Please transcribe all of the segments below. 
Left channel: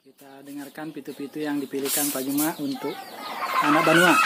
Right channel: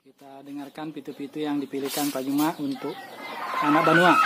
Kita dengarkan pitu-pitu yang dipilihkan Pak Juma untuk anak Banua.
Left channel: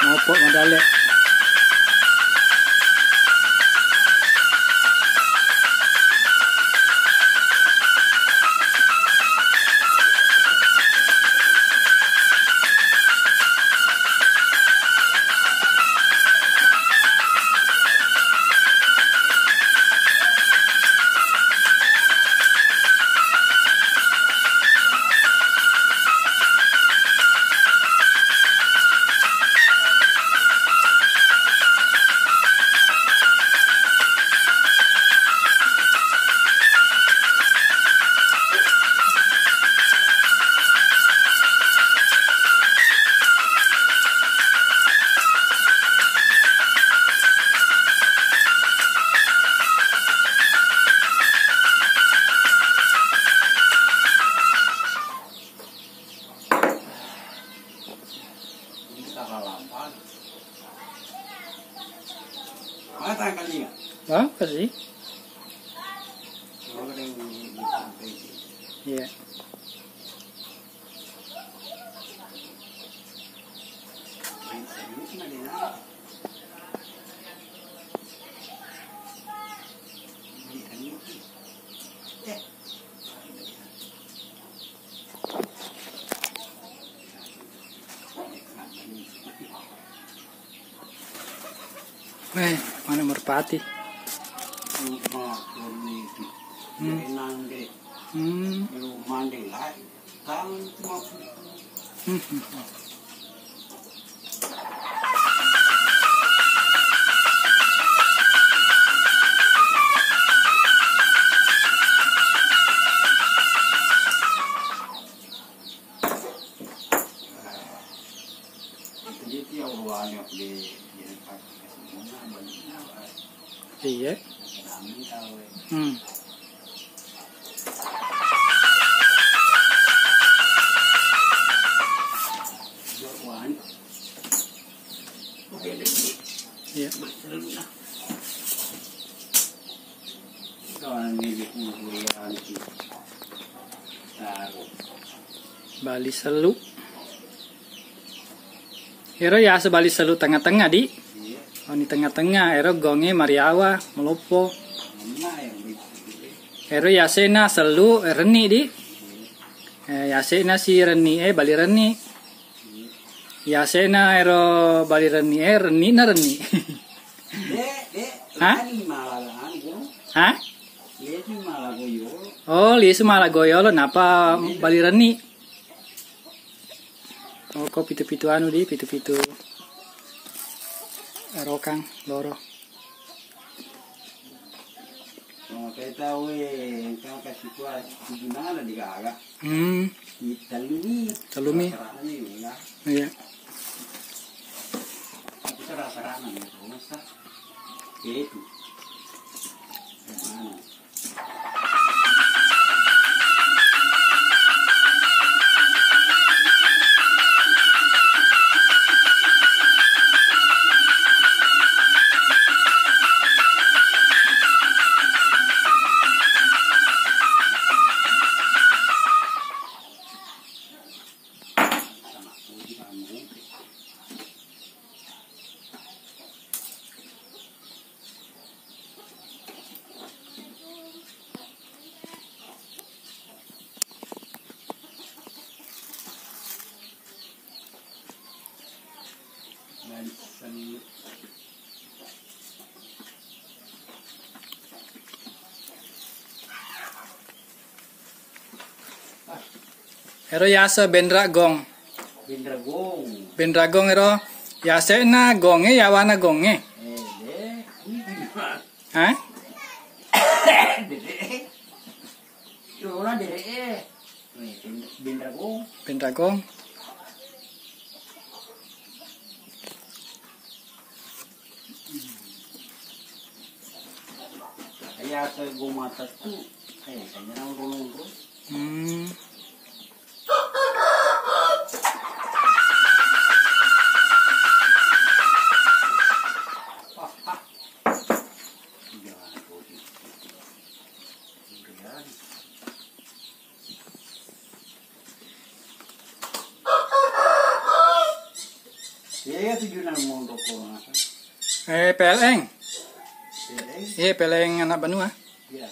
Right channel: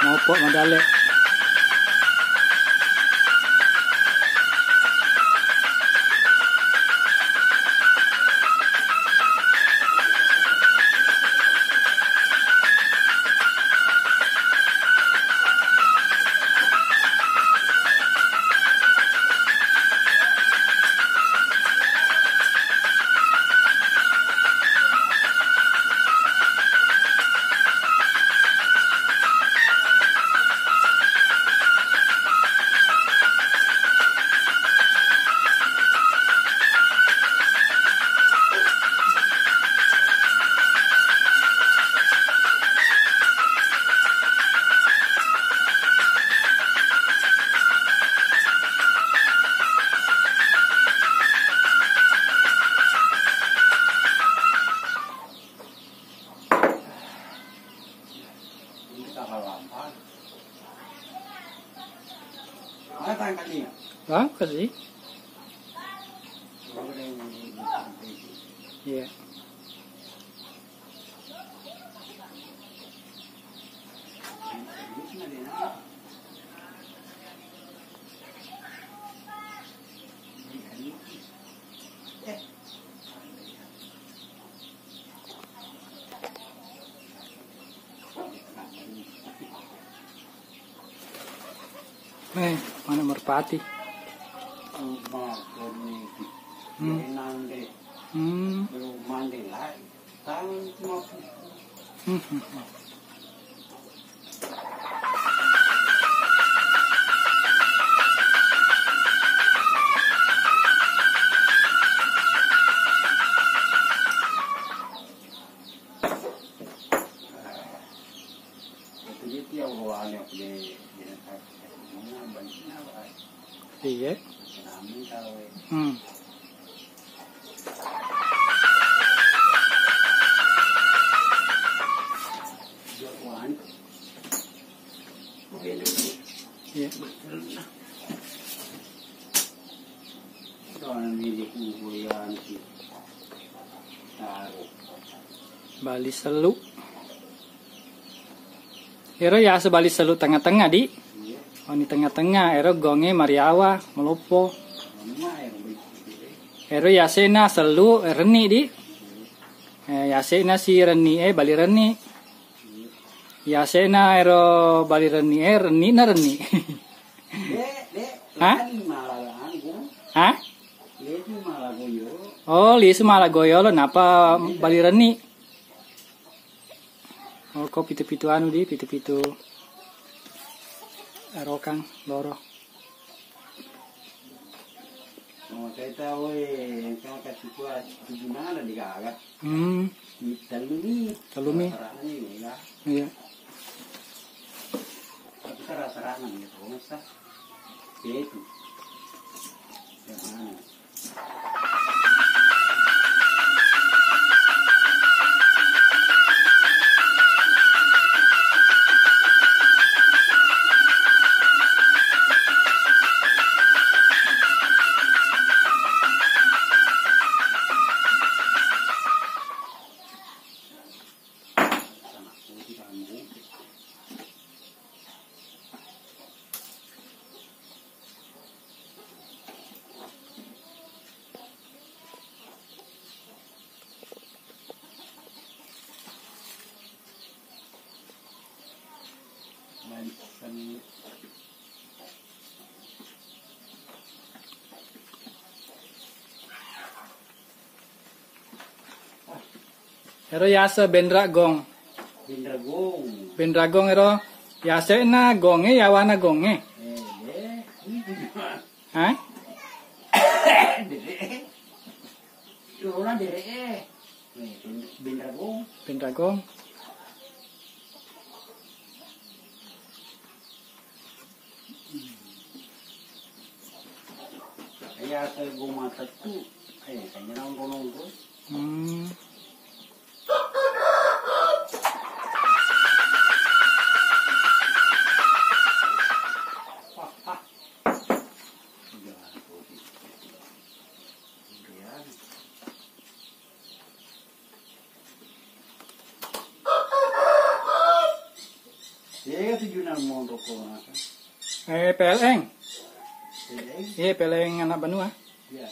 Maupok Madale. Wah, kasih. Iya. Mana merpati? Iya. Iya. Bali Selu. Ero ya sebali Selu tengah-tengah di. Oh ini tengah-tengah. Ero gonge Mariawa melopo. Ero yasena Selu reni di. Yasena si reni Bali reni. Yasena ero Bali reni reni na reni. Hah? Hah? Oh, lisu Malagoyo lo napa Bali reni. Oh, kok pitu-pitu anu di pitu-pitu rokang loro. Kita kau kasih kuat gimana di gagak? Talumi. Iya. Tapi rasa-rasa itu masa itu. Mana? Ero yasa bendra gong. Bendra gong ero yasa na gonge yawana gonge. Hah? Bendra gong. Yasa goma tatu. Kanya nang tujuh enam mau toko apa? PLN. Jadi, Iya, PLN anak benua. ya.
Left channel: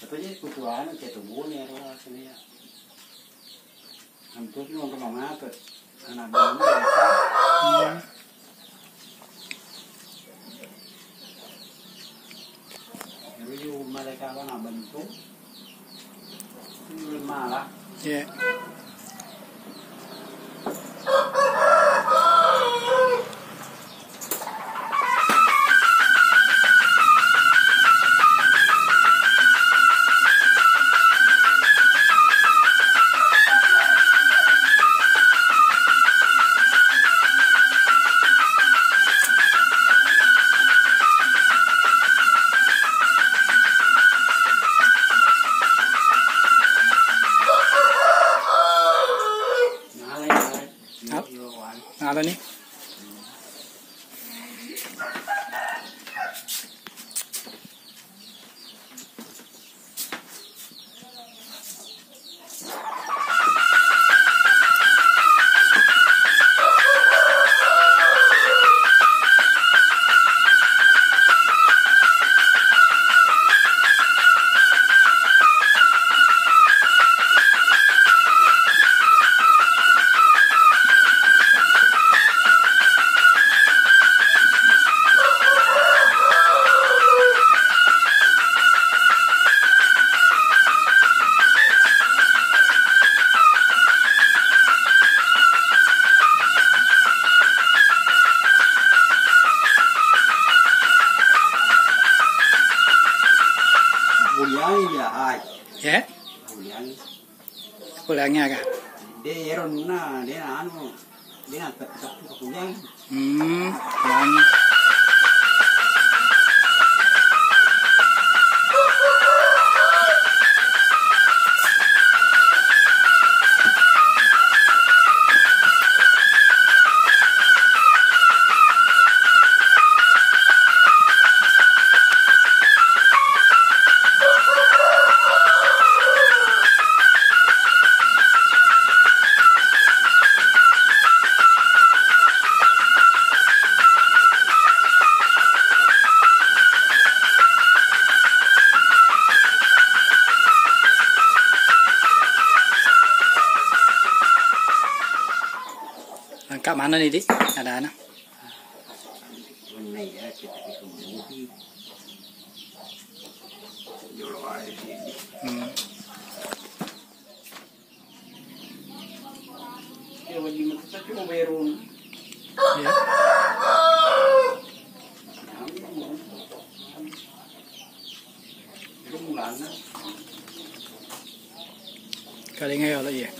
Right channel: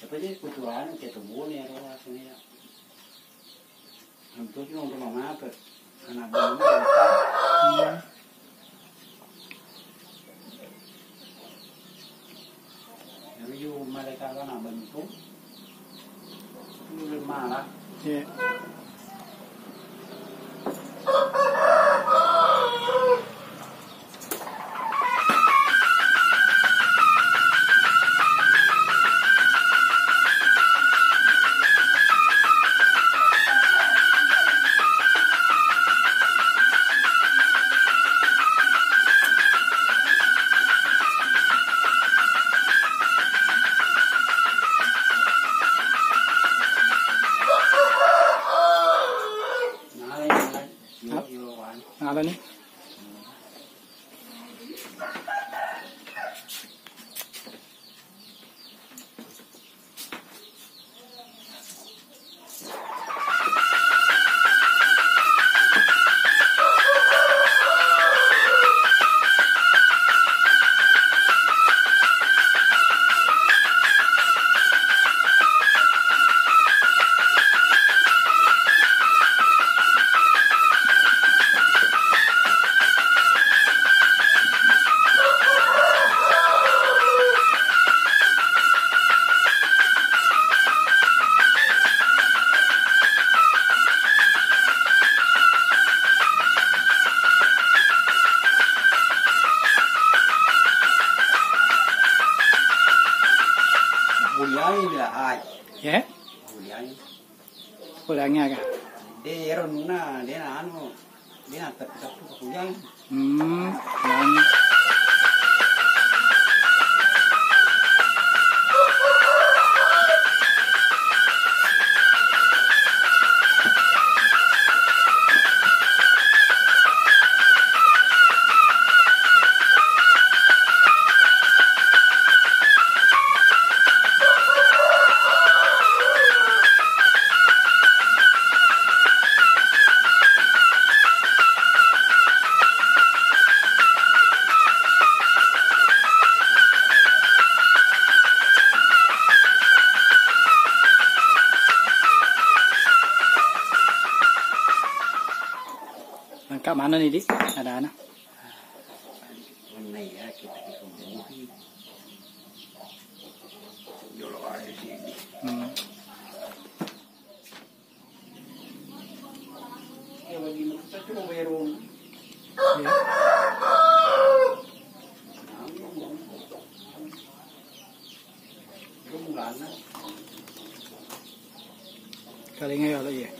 Tapi ini kutuan kayak tubuh nih ya sini ya. Hampir cuma untuk mana tuh anak baru ya. Jadi mereka kan nak bentuk ini malah. Iya. Apa nih? Kuliah ya, ay. Ya, Kuliah. pulangnya kah? Dia eron na, dia anu, dia terpisah ke kuliah. Yang Kak mana nih, Dik? Ada anak. Ini ya kita kemuhi. Jolo ay sini. Kaya wajib kita cuma bayarun. Ya. Rumulana. Kali ngayon lah ya.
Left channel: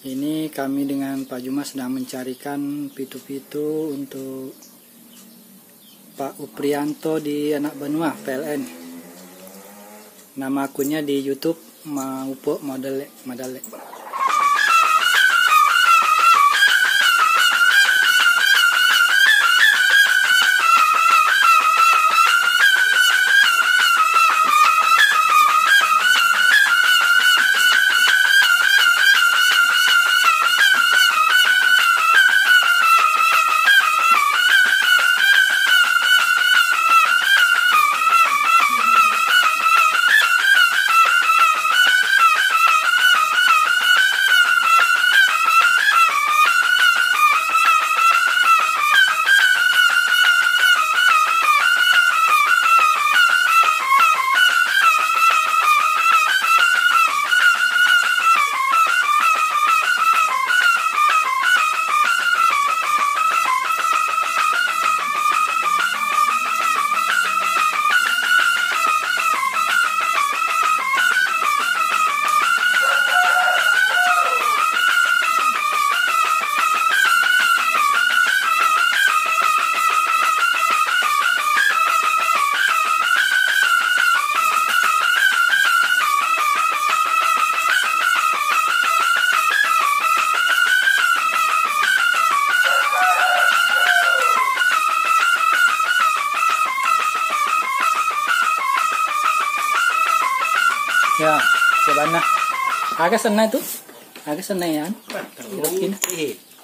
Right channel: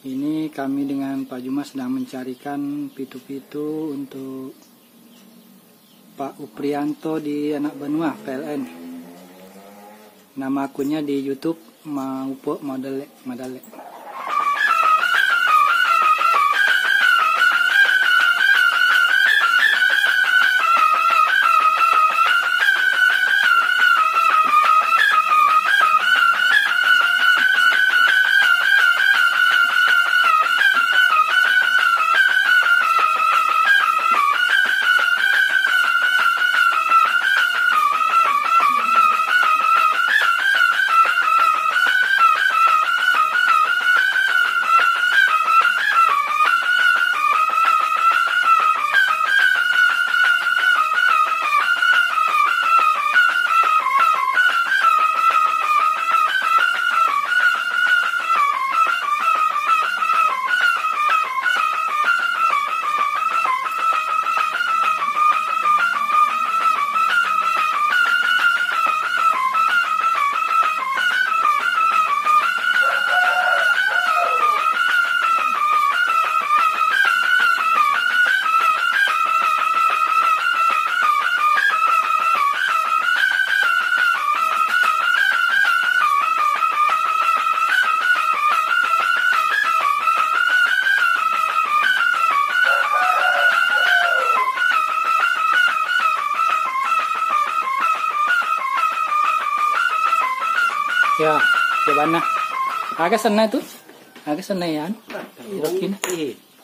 Ini kami dengan Pak Juma sedang mencarikan pitu-pitu untuk Pak Uprianto di Anak Benua PLN. Nama akunnya di YouTube Maupo Madale. Ya, gimana? Agak sana itu, agak sana ya. Irokin.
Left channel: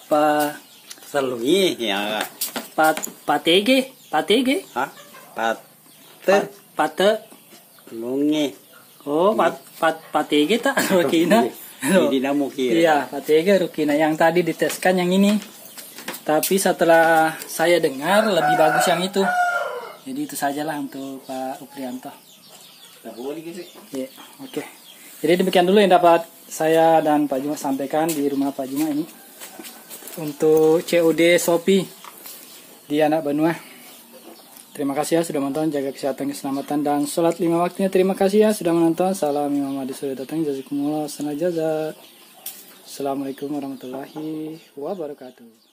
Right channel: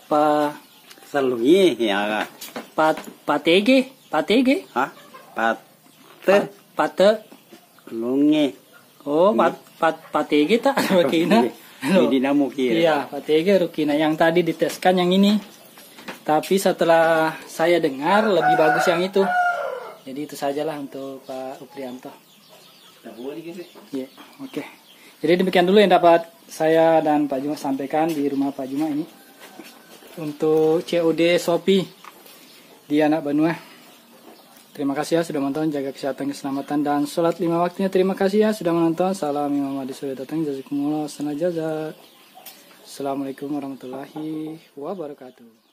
Pa Salungi ya. patege, patege. Hah? Pate. Lungi. Oh, patege tak rukina. Hindi na mo kira. Iya, patege rukina yang tadi diteskan yang ini. Tapi setelah saya dengar lebih bagus yang itu. Jadi itu sajalah untuk Pak Uprianto. Iya, oke. Jadi demikian dulu yang dapat saya dan Pak Juma sampaikan di rumah Pak Juma ini untuk COD Shopee di Anak Benua. Terima kasih ya sudah menonton, jaga kesehatan, keselamatan, dan sholat 5 waktunya. Terima kasih ya sudah menonton. Salam Imam Mahdi sudah datang. Jazakumullah sana jaza. Assalamualaikum warahmatullahi wabarakatuh.